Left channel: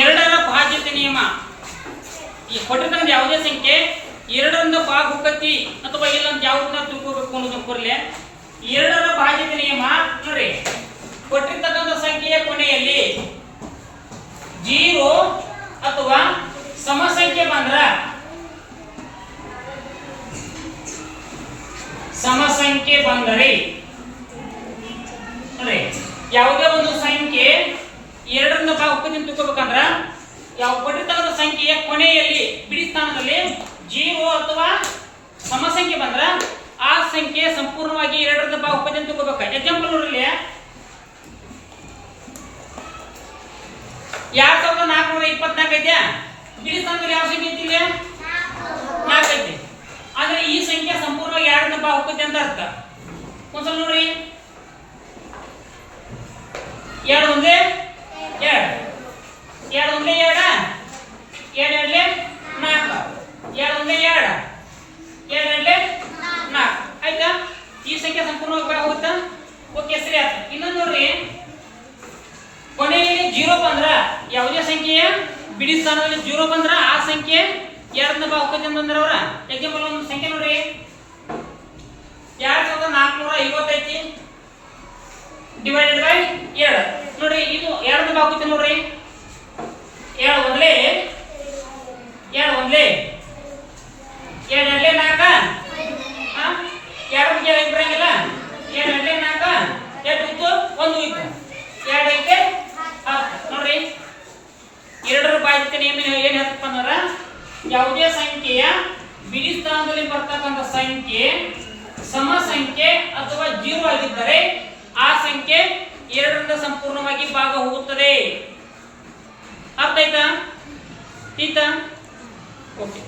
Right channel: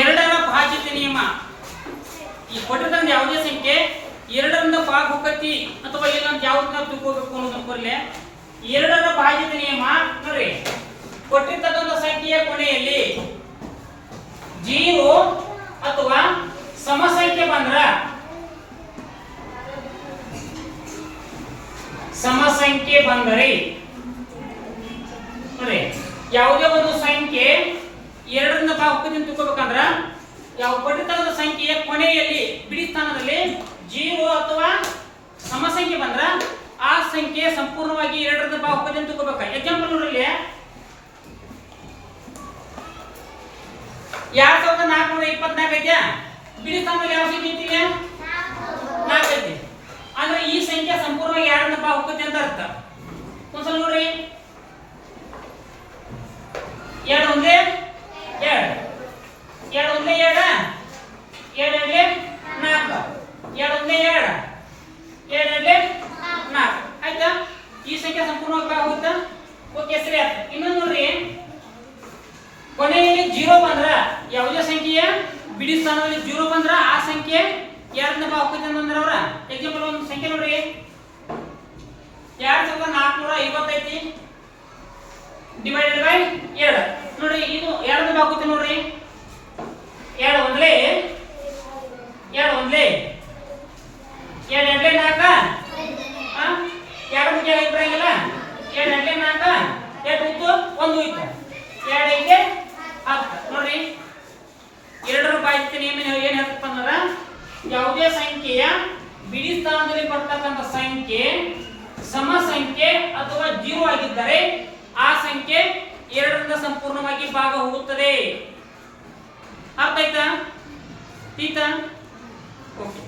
ಎರಡರ ಭಾಜ್ಯತೆ ನಿಯಮ. ಈ ಕೊಟ್ಟಿರ್ತಕ್ಕಂಥ ಯಾವುದೇ ಸಂಖ್ಯೆ ಎರಡರಿಂದ ಭಾಗ ಹೋಗತಿ ಅಥವಾ ಇಲ್ಲ ಅಂತ ಯಾವ್ದನ್ನ ತಿಳ್ಕೋಬೇಕು ಅನ್ನೋದನ್ನ ಬರಲಿ. ಎರಡರ ಭಾಜ್ಯತೆ ನಿಯಮ ನೋಡ್ರಿ, ಕೊಟ್ಟಿರ್ತಕ್ಕಂಥ ಸಂಖ್ಯೆಯ ಕೊನೆಯಲ್ಲಿ 0 ಅಥವಾ ಸಮ ಸಂಖ್ಯೆ ಬಂದ್ರ ನೋಡ್ರಿ, ಯಾವುದೇ ಒಂದು ಸಂಖ್ಯೆ ಎರಡರಿಂದ ಭಾಗ ಹೋಗತಿ ಅಂತ ತಿಳ್ಕೋಬೇಕಂದ್ರ ಯಾವ ಕೊಟ್ಟಿರ್ತಕ್ಕಂಥ ಸಂಖ್ಯೆಯ ಕೊನೆಯಲ್ಲಿ ಬಿಡಿ ಸ್ಥಾನದಲ್ಲಿ 0 ಅಥವಾ ಸಮ ಸಂಖ್ಯೆ ಬಂದ್ರ ಆ ಸಂಖ್ಯೆ ಸಂಪೂರ್ಣವಾಗಿ ಎರಡರಿಂದ ಭಾಗ ಹೋಗತಿ ಅಂತ ತಿಳ್ಕೋಬೇಕು. ಎಕ್ಸಾಂಪಲ್ ನೋಡ್ರಿ, 2424 ಐತೆ, ಬಿಡಿ ಸ್ಥಾನದಲ್ಲಿ ಯಾವ ಸಂಖ್ಯೆ ಐತಿ? 4 ಐತಿ. ಅಂದ್ರೆ ಈ ಸಂಖ್ಯೆ ಸಂಪೂರ್ಣವಾಗಿ ಎರಡರಿಂದ ಭಾಗ ಹೋಗತಿ ಅಂತ ಅರ್ಥ. ಒಂದ್ಸಲ ನೋಡ್ರಿ, 2 ಒಂದೇ 2, 2 ಒಂದೇ 2, 2 ಎರಡ್ಲೆ 4, 2 ಒಂದೇ 2, 2 ಎರಡ್ಲೆ 4 ಆಯ್ತಾ? ಈ ಸಂಖ್ಯೆ ಸಂಪೂರ್ಣವಾಗಿ ಭಾಗ ಹೋಗುತ್ತಾ? ಓಕೆ, ಸರಿ ಆಯ್ತು. ಇನ್ನೊಂದು ನೋಡ್ರಿ, ಕೊನೆಯಲ್ಲಿ 0 ಬಂದ್ರ ಯಾವುದೇ ಸಂಖ್ಯೆಯ ಬಿಡಿ ಸ್ಥಾನದಲ್ಲಿ 0 ಬಂದ್ರ ಆ ಸಂಖ್ಯೆ ಎರಡರಿಂದ ಭಾಗ ಹೋಗತಿ ಅಂತಂದ್ರೆ ಅವ್ರ ಎಕ್ಸಾಂಪಲ್ ಒಂದು ಸಂಖ್ಯೆ ನೋಡ್ರಿ, 2450 ಐತಿ ಡಿವೈಡೆಡ್ ಬೈ 2 ನೋಡ್ರಿ, ಇದು ಎರಡರಿಂದ ಭಾಗ ಹೋಗತಿ ನೋಡ್ರಿ. 2 ಒಂದ್ಲೆ 2 ಒಂದ್ಲೆ 2 ಎರಡ್ಲೆ 4, 2 ಮುಖ್ಯ ಐದು ಬರಂಗಿಲ್ಲ, 2 ಎರಡ್ಲೆ 4, 2 ಇತ್ತು 1 ಇತ್ತು, 2 ಐತೆ 10 ನೋಡ್ರಿ. ಎರಡರ ಭಾಜ್ಯತೆ ನಿಯಮ ಏನ್ ಹೇಳ್ತಪ್ಪ ಅಂದ್ರ ಯಾವುದೇ ಸಂಖ್ಯೆಯ ಬಿಡಿ ಸ್ಥಾನದಲ್ಲಿ ಬರ್ತಕ್ಕಂಥ ಸಂಖ್ಯೆ ಸಮ ಸಂಖ್ಯೆ ಅಥವಾ 0 ಆಗಿದ್ದರೆ ಆ ಸಂಖ್ಯೆ ಎರಡರಿಂದ ಸಂಪೂರ್ಣವಾಗಿ ಭಾಗ ಹೋಗುತ್ತದೆ. ಅರ್ಥ ಆಯ್ತಾ? ಓಕೆ.